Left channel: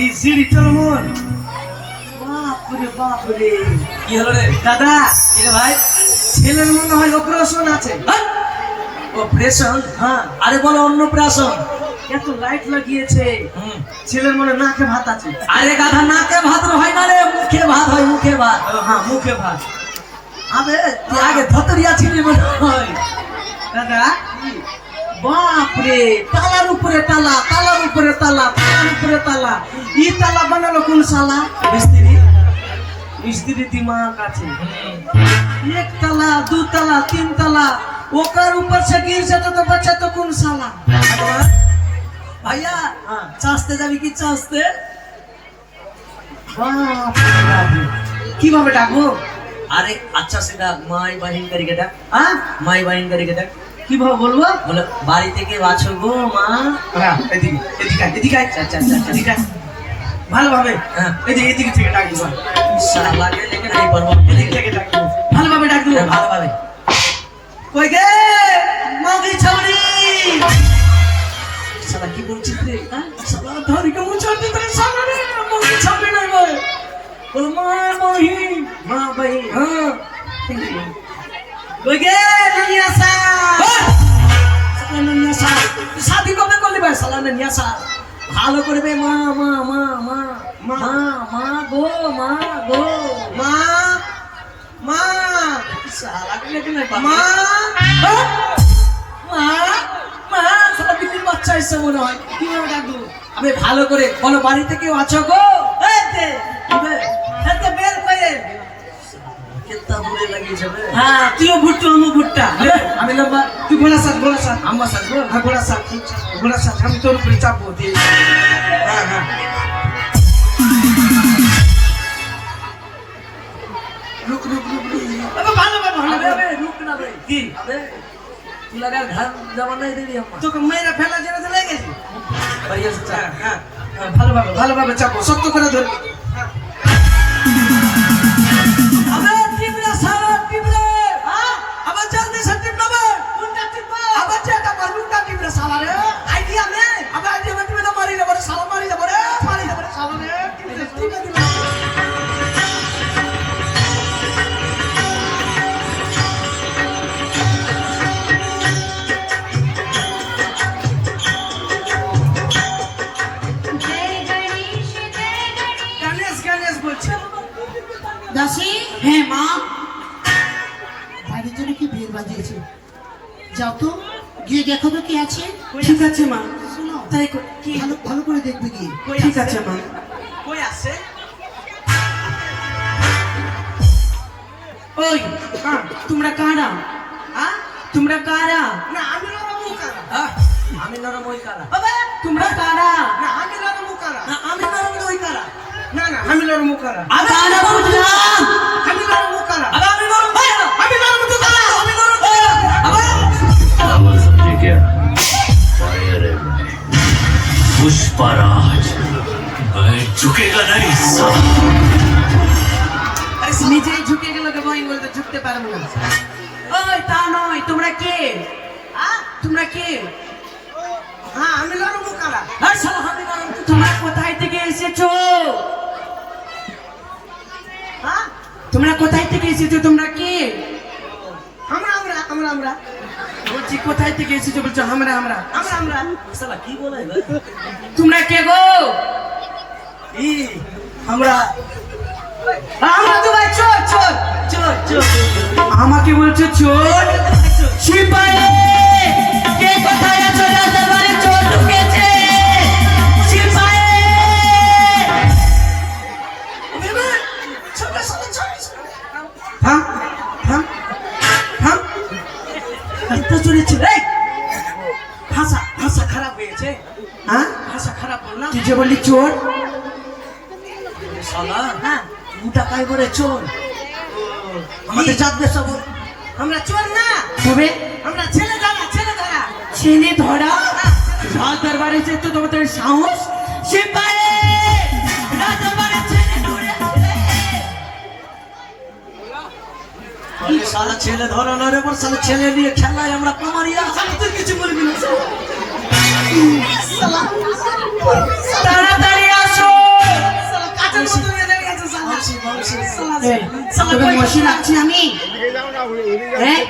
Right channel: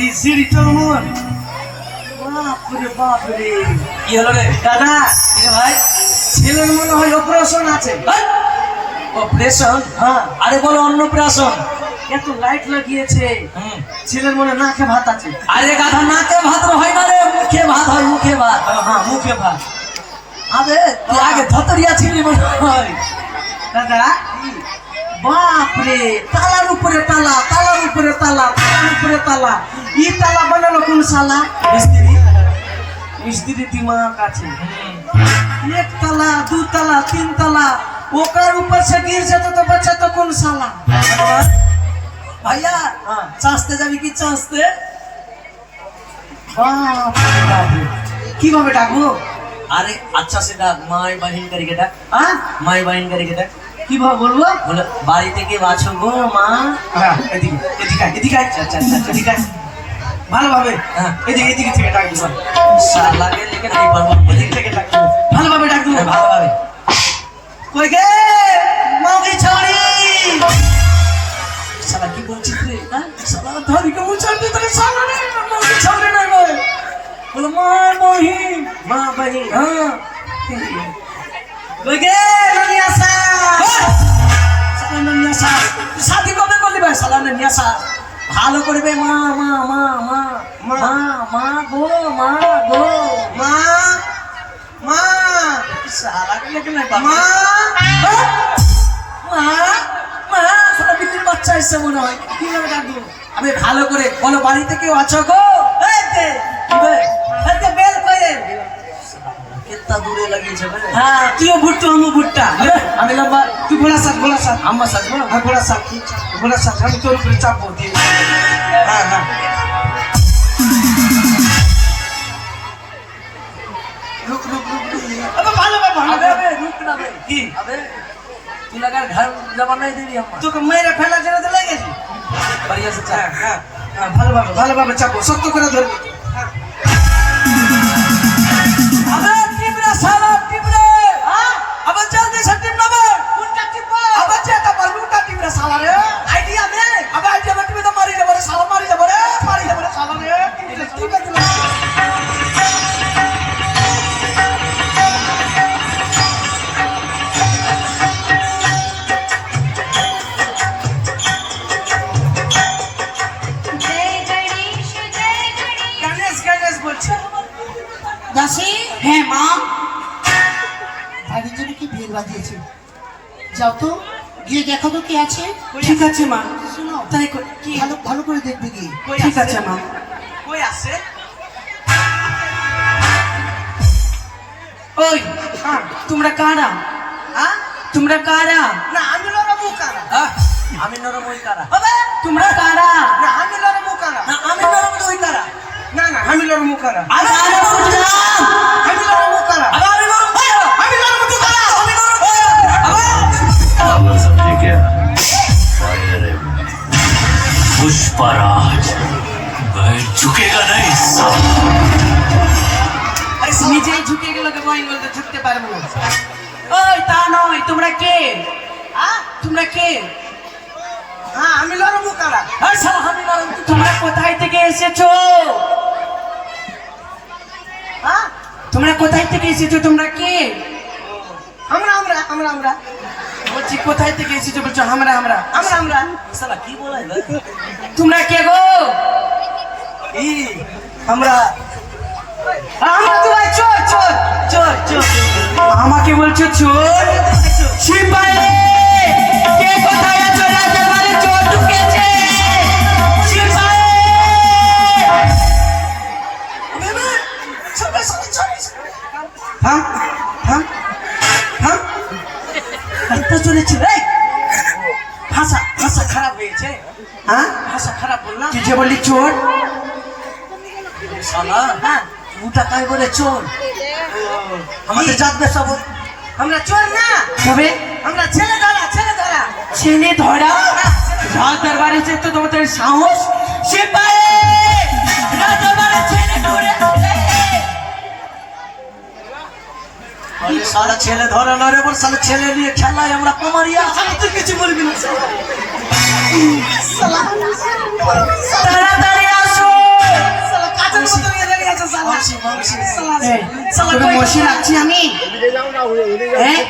এই সিঁড়ি চলমন বাপরে বাপরে কি হলো রে দাদা কি রে ভাই? ছেলের মনে হয় অপারেশন আছে অপারেশন? হ্যাঁ আরে বলো অন্য অপারেশন। এত লাইট লাগিয়েছে ছেলের মনে নাকে ভাত আছে আরে গাধা নাকে ভাত হয় না রে, মুখে ভাত হয়, মুখে ভাত। হ্যাঁ মুখে ভাত আবে তুই আগে ধতরিয়া ছিলি মনে হয়। দাদা বাপরে তালার উপরে তালা তালার উপরে তালা তালার উপরে তালা ই তালা বানালো কোন শালা মিস্ত্রি। মিস্ত্রি দিমাগ আছে एक तला दो तला तीन तला ओकर ऊपर से गिर जाता तो बच्चा तो कौन साला ভাইয়া চাষতে যাবি কি চাষতে? बाप रे बाप কিভাবে ডাকবো আরে আচ্ছা সেটা মাই বাহিন করিকে ডাক। হ্যাঁ মাই বাহিন করিকে ডাক। কিভাবে বলবো বলে বাড়ি থেকে আছো গো মা। হ্যাঁ এদিকে এদিকে এদিকে আচ্ছা আচ্ছা আচ্ছা এদিকে ভালোভাবে হ্যাঁ এদিকে এদিকে থেকে ডাকবো শালাকে লেগে নাই পারবো। এদিকে থেকে ডাকবো ভালোভাবে ডাকবো ভালোভাবে। কই গে মাগি ছাড়ি শালা কি বলছিস রে? হ্যাঁ সালা ধরি কে মুছাতে তাই সামনে সামনে নাই বল বল মার মহি মা ভাই হ্যাঁ কই গে নিয়াসা সালা নিয়াসা শাদি কবে করলি ভাই সালা নিয়াসা ভালো করবে মা মা মা মা মা মা গো মা গো মা মা সালা কে কে না মা মা মা সালা বিকুল বাচ্চা এসে মনে হয় কি লাগে ডাকবো আমি ভালো করে বলো বাড়িতে কেউ আছো গো এই তে বে এতে বেল করে কেত্তা দূরে লাগিয়েছে বে। হ্যাঁ তুইও ভুট্টো আমি ভুট্টা আমি লম্বা তুই গোলা সাত আমার সাত গোলা সাত আমি তোর উপরে চাপবো দিয়ে হ্যাঁ হ্যাঁ রুক রুক রুক আবে ভালো ভালো আবে আবে রুক না বে। কি আবে তুই লাগা ঘর জমা নাই দিলি আমরা। তোকে মেয়েরা ফেলা জেনে তো লেগেছে बढ़िया से चल। হ্যাঁ হ্যাঁ ভালোভাবে চাপবো শক্ত করে ধরবি আবে টিপরে সারা টিপরে আবে জলদি সে টিপ না বে কোনটা টিপ আবে যেটা পার কোনটা টিপরে সারা রে আইডিয়া নে আবে আইডিয়া মত না মারি না সারা মারি না রে সারা রে টিপ দিলা গণেশ বলছে দাসী হ্যাঁ মা বাড়ির জন্য কি ভিড় বাজিয়েছে যাও তো গিয়ে দেখো তো কি আছে ঠিক আছে মা শোনো তাই কি ভালো ভালো করে দেখবে গিয়ে ঠিক আছে মা কই আছে ওই তোমরা কারা হ্যাঁ তোমরা কারা না আমি লড়া মুকারা হ্যাঁ আমি নরম ওই কারা। আবে তোমরা কারা না আমি লড়া মুকারা না আমি নরম ওই কারা। না না আমি লড়া মুকারা আমি নরম বুঝলাম। আমি লড়া মুকারা আবে আমি নরম কারা। আমি লড়া মুকারা আমি নরম কারা। আবে ठीक है सामने रहे पुष्पराज मैं झुकेगा नहीं আরে নিজেই ঝুঁকে গেল দেখো আমি বলতে ঝুঁকতে পারবো না ওই তা নয় তোমরা কে হ্যাঁ তোমরা কে হ্যাঁ আমি লড়া মুকারা হ্যাঁ শালা আমি নরম। তোমরা কোথায় থেকে এসেছো হ্যাঁ তোমরা কোথায় থেকে এসেছো তোমরা কে আমরা বলছি কোথায় থেকে এসেছো বলছো আমরা শালা কি বলাই বে? তোমরা কে গো ই আমরা আমরা তোমার চোর আমাকে বলছো চোর সিপাহি কে কোথায় আছো রাতের বেলা চোর ঢুকেছে সিপাহি হ্যাঁ হ্যাঁ হ্যাঁ এত জোরে ছিল রে ভাষা খারাপ হয়েছে হ্যাঁ ভাষা খারাপ বল না তুই যে বললি চোর শালা হ্যাঁ মুটা কাই করে চোর। আমাদের জাতবে সব আমরা চোর না তবে আমরা ছেলে ধরা রাত দরবারে যে তো তোমাদের সাহস সিপাহি রাত দরবারে ছেলে ধরে বলে সারা ছেলে ধরে না রে বল সারা ছেলে নিয়ে খেলায় আমরা কুমারিয়া। তুই কিছু বলবি না তাড়াতাড়ি আসো বেশি রাখছি আমি? হ্যাঁ?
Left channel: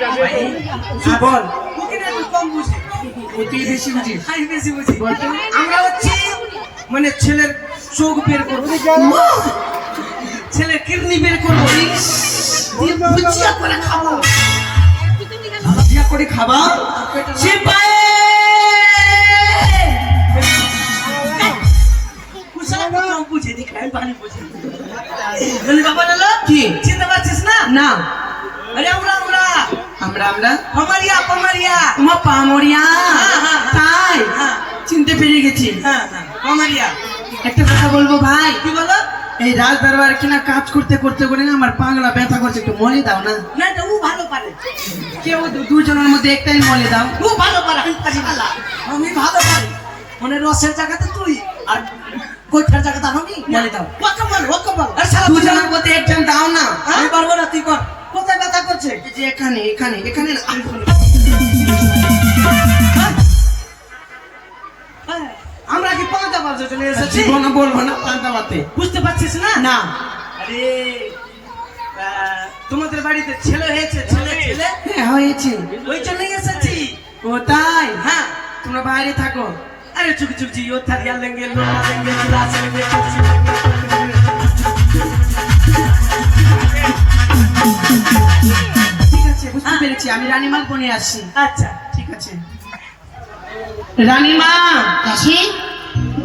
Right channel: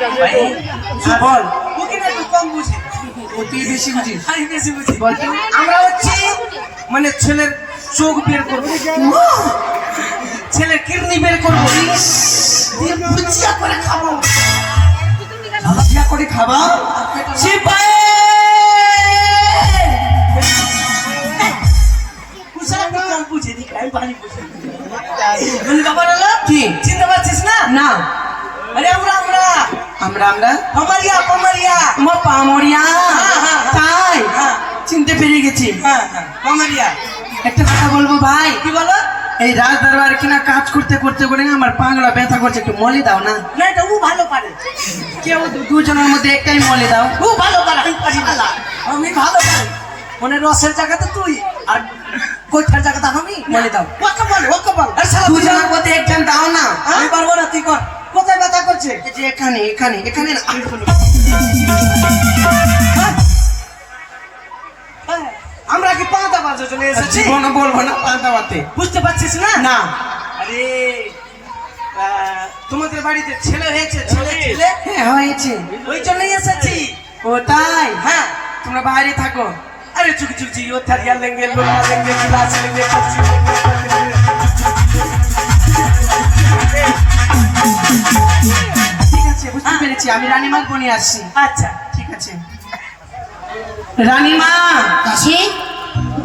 বল, ওকে না একটু কম বুঝি। তুই বেশি বুঝিস। আমি বেশি বুঝি। বল তো। আমরা হচ্ছে মানে ছেলের চোখ বের করবো, ছেলের কিডনি বের করবো, দিয়ে ভুজিয়া করে খাবো। ভুজিয়া করে খাবা? সিপাই! কুসারা কি কম বুঝে নি, আমি ভালো বুঝি। মানে বাবা বললো, কি? চিনতে পারছিস না? না। আরে আমরা আমরা আমরা পামারিয়া পামারিয়া। মা পামরিয়া। হ্যাঁ, হ্যাঁ, তাই? হ্যাঁ। চিনতে পেরে গেছি। হ্যাঁ হ্যাঁ পামারিয়া। একটা কথা বলবো ভাই, কি বলো? এই রাজ দরবার কিনা কাজ করতে করতে করে না আমার পাগলা ব্যথা করছে, একটু মলে দাও না। না এটা ও ভালো পারে, কেউ দুজনের মধ্যে একটাই মলে দাও। ও ভালো পারে, আমি পারি না। আমি ভালো পারি। মানে রসের জায়গাতে তুই আর কোঠার জায়গাতে আমি বলে দাও। ওকে বল, ওকে বল। আর সারা দুজনের মধ্যে একজন দাও না। আমি পারবো না, তুই কর। কোথায় ব্যথা করছে? এই যে এখানে এখানে এখানে না। আমরা কি পাঁচটা বাজে চলে এসেছি? জীবনে বলবো না পান্তাবাতে। বুঝতে পারছিস না? না। আরে তোমাদের বাড়িতে ছেলে হয়েছে, ছেলে ছেলে হ্যাঁ হয়েছে। ওই জন্যই এসেছি। ও তাই? হ্যাঁ। তোমরা বাইরে থাকো। अरे चुक चुक जी वो थरिया लेंगे, लोटा लेंगे, गिलास लेंगे, कपची लेंगे। ঠিক আছে, বুঝতে পেরেছি। আমি রানীমা বনে আসছি। अच्छा ঠিক আছে। রানীমা কাশি,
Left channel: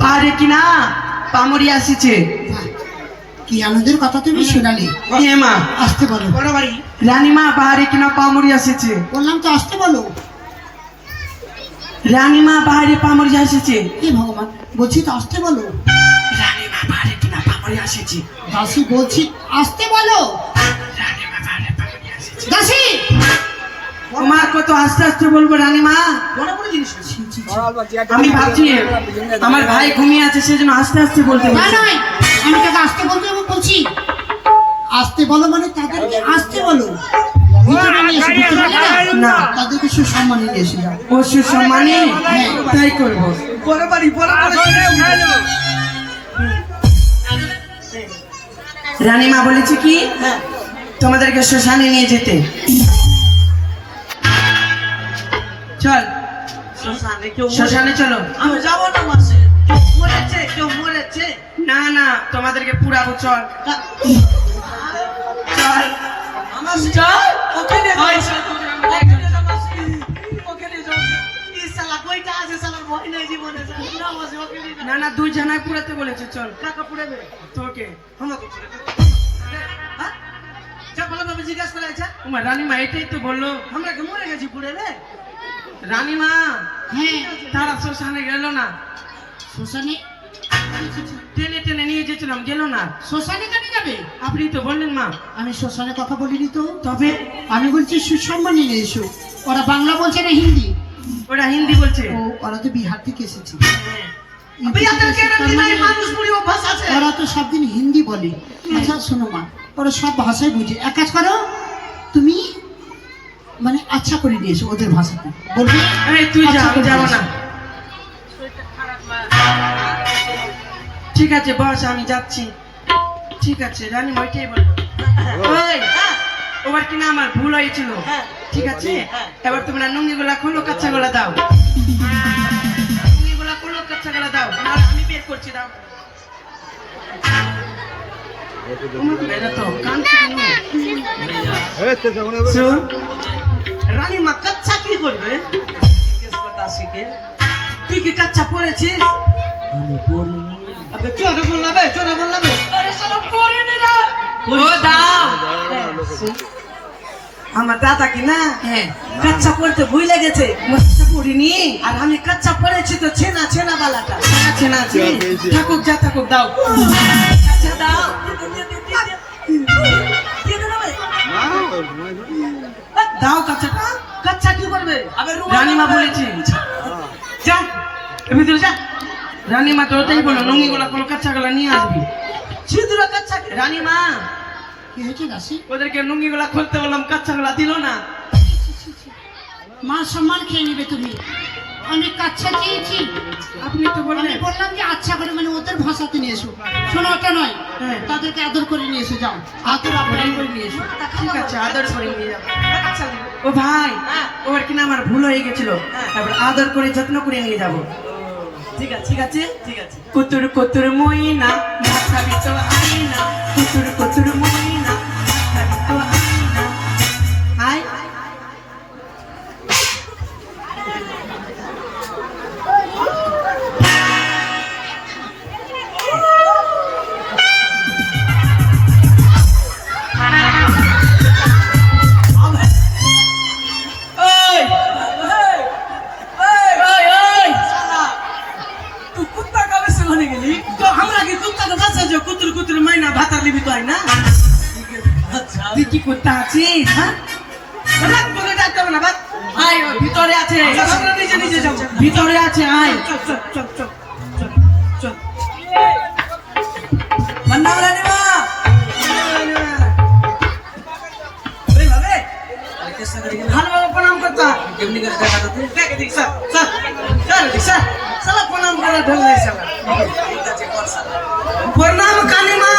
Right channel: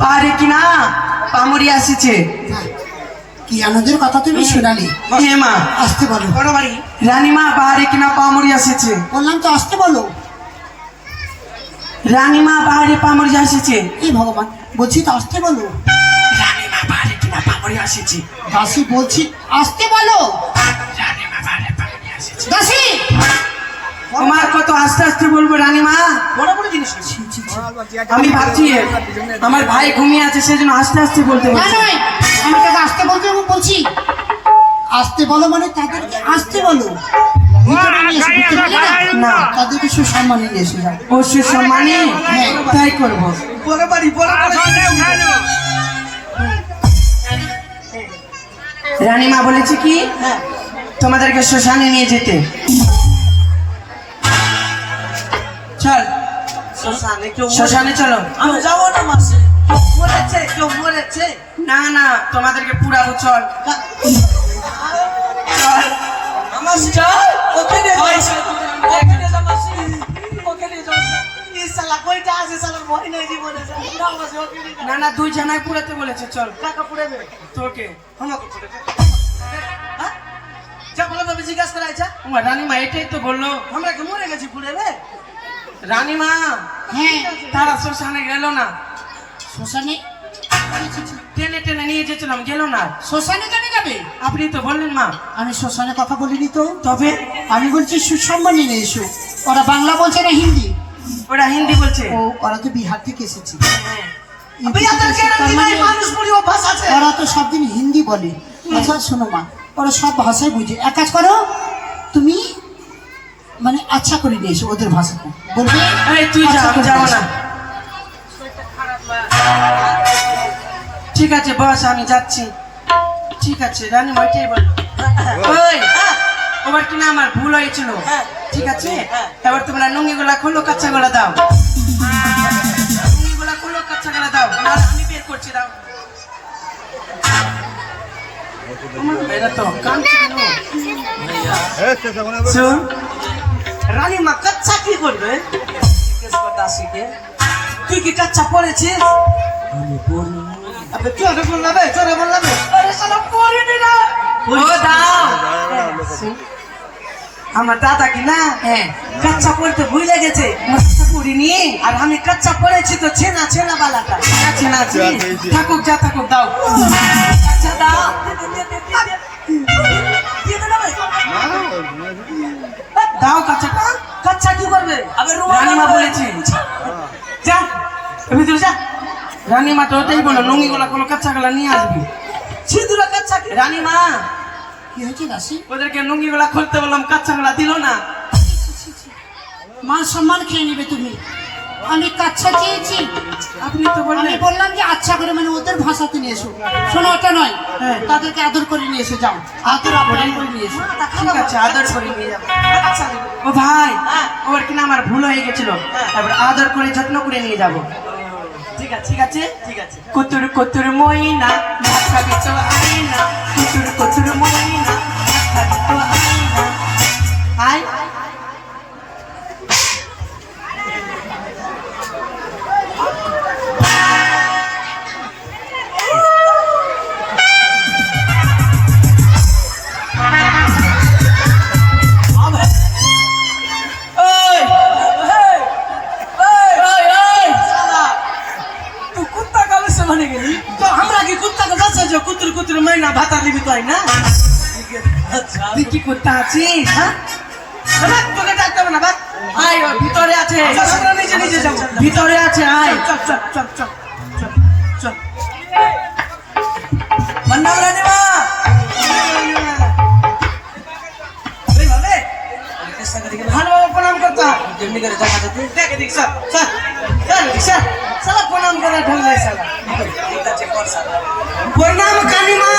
বাইরে কিনা পামরি আসিছে। কি আমাদের কথা তুমি শোনালি? এ মা, আসতে বলো। बड़ा बाड़ी রানীমা বাইরে কিনা পামরি আসিছে। বললাম তো আসতে বলো। রানীমা বাইরে পামরি আসিছে। কি ভগবান, বলছি তো আসতে বলো। রানীমা বাইরে কিনা পামরি আসিছে। দাসী বলছি আসতে বলো। রানীমা বাইরে পামরি আসিছে। দাসী, তোমার কত আস্তে আস্তে বলবো রানীমা? बड़ा बड़ा जिनिस আমি ভাবছি আমার ভাই ঘুমিয়ে আছে, সেজন্য আস্তে আস্তে বলতে না বলছি। নয়, আমি তোকে আসতে বলতে বলছি। আসতে বলো মানে তাদেরকে আসতে বলো। ভিতরে নিয়ে এসে, ভিতরে নিয়ে না। তাদেরকে সুসম্মানে নিয়ে এসে যাও। ও সুসম্মানে? তাই করবো। बड़ा बाड़ी बड़ा রানীমা বলেছে কি তোমাদেরকে শ্মশানে নিয়ে যেতে। চল শ্মশানে কেউ শ্মশানে চলো। আমি যাবো না মাসে, মরেছে কেউ মরেছে। না না, তোমাদেরকে পুরাবো। চল চল আমার চল ওকে নিয়ে যাও, ওকে নিয়ে যাও মাসি, ওকে নিয়ে যাও। এই শালা কইটা আছে, শালা ভয় নাই জীবনে, না মাসি ওকে নিয়ে যাও। না না, দুই জানায় পুরাতে বলেছে। চল কাকা পুরাবে তোকে। আমাকে পুরাবে। হ্যাঁ যা বলো তবে জিজ্ঞাসা করা আছে। তোমার রানীমা এটাই তো বললো। আমরা কি মরে গেছি পুরাবে? রানীমা হ্যাঁ, তারা শ্মশানে গেল না, শ্মশানে টেনে টেনে নিয়ে যেছিলাম, গেল না। শ্মশানে কেন যাবে? আপনি তো বললেন মা। আমি শ্মশানে কথা বলিনি তো। তবে আমি বলছি সুসম্মানে নিয়ে এসো। ওরা বাংলা বলছে না হিন্দি? ওরা হিন্দি বলছে। ও, ওরা তো বিহার থেকে এসেছে। अभी अंदर के नहीं मानुष पूरी वो भाषा से ওরা তো সব দিন হিন্দি বলে। আচ্ছা শোনো মা, ওরা সব ভাষায় বুঝে। এক কাজ করো, তুমি মানে আচ্ছা করে নিয়ে এসো ওদের ভাষাটা বলবে। এই তুই যা, আচ্ছা আমি করে যাবো নিয়ে না। এসো। ঠিক আছে বস, আমি যাচ্ছি। ঠিক আছে রানীমা ওইটাই বললো। ওই, ওবার কিনা আমার ভুল হয়েছিল। ঠিক আছে, এবার তোমরা নুঙ্গি গুলা খোলো, কাঁচা গুলা দাও। নুঙ্গি গুলা খোলো, কাঁচা গুলা দাও। আর আমি বের করছি, দাও। এরা তো কাঁদছে কেন? শোন, रानी माँ कच्चा की करबे किस बता सीखे तू की कच्चा पड़ेছিস আমি পড়ি আবে তুই আগে বল না বে তোরা বল না বে আরে শালা পড়ি নি না ও দাও। আমার দাদা কি না হ্যাঁ, কাচ্চা পড়তে ভুলে গেছে কাঁচা পড়িনি। আর আমি কাচ্চা পড়েছি তো ছেনা ছেনা বালাটা আছে না আছে। থাকুক যা থাকুক, দাও। কাচ্চা দাও দিয়ে দে না বে দাও কাঁচাটা। কাচ্চা কি করবে আবে রানীমা বলেছে। যা ভিতরে যা রানীমা তো ওটাই বলো, নুঙ্গি গুলা কোনো কাঁচা গুলা নিয়ে আসবি। ছিদ্র কাচ্চা কি রানীমা কি হয়েছে দাসী? ওদেরকে নুঙ্গি গুলা খুলতে বললাম, কাঁচা গুলা দিল না। মান সম্মান খেয়ে নিবে তুমি। আমি কাচ্চা চেয়েছি? আপনি তো আমি বললেন বললাম যে আচ্ছা করে মানে ওদের ভাষাতে নিয়ে এসো। শোনো, ওটা নয়, হ্যাঁ। তাদেরকে আদর করে নিয়ে এসো, যাও আদর আপ্যায়ন করে নিয়ে এসো। ঠিক আছে, আদর করে নিয়ে যাবো। ও ভাই, ওর কিনা আমার ভুল হয়ে গেছিল, তারপর আদর করে যত্ন করে নিয়ে যাব। ঠিক আছে ঠিক আছে? ঠিক আছে কুতুর কুতুর ময়না ভাবি তো আয়না, কুতুর কুতুর ময়না ভাবি তো আয়না। আয় ওই, তুই কুত্তা কালে সেখানে গেলি কখন আগে কুত্তাকে বাঁচাছো? কুতুর কুতুর ময়না ভাতা নিবি তো, না? আচ্ছা তুই কি কুত্তা আছিস? হ্যাঁ, বাবা, তোকে ডাকতে হবে না, বাবা। আয়, ওর ভিতরে আছে, নিজে নিজে যাও ভিতরে আছে, আয়। চল চল চল চল চল চল মান্না রানীমা এইভাবে কেসা করে গেল ভালোভাবে প্রণাম করতে হবে। কেমনি করে দেখা তো তুই দেখে দেখ, স্যার, স্যার, স্যার, দেখ, স্যার, সালা প্রণাম করা ঢোল নাই, সালা। ঠিক আছে কর স্যার প্রণাম কানিমা।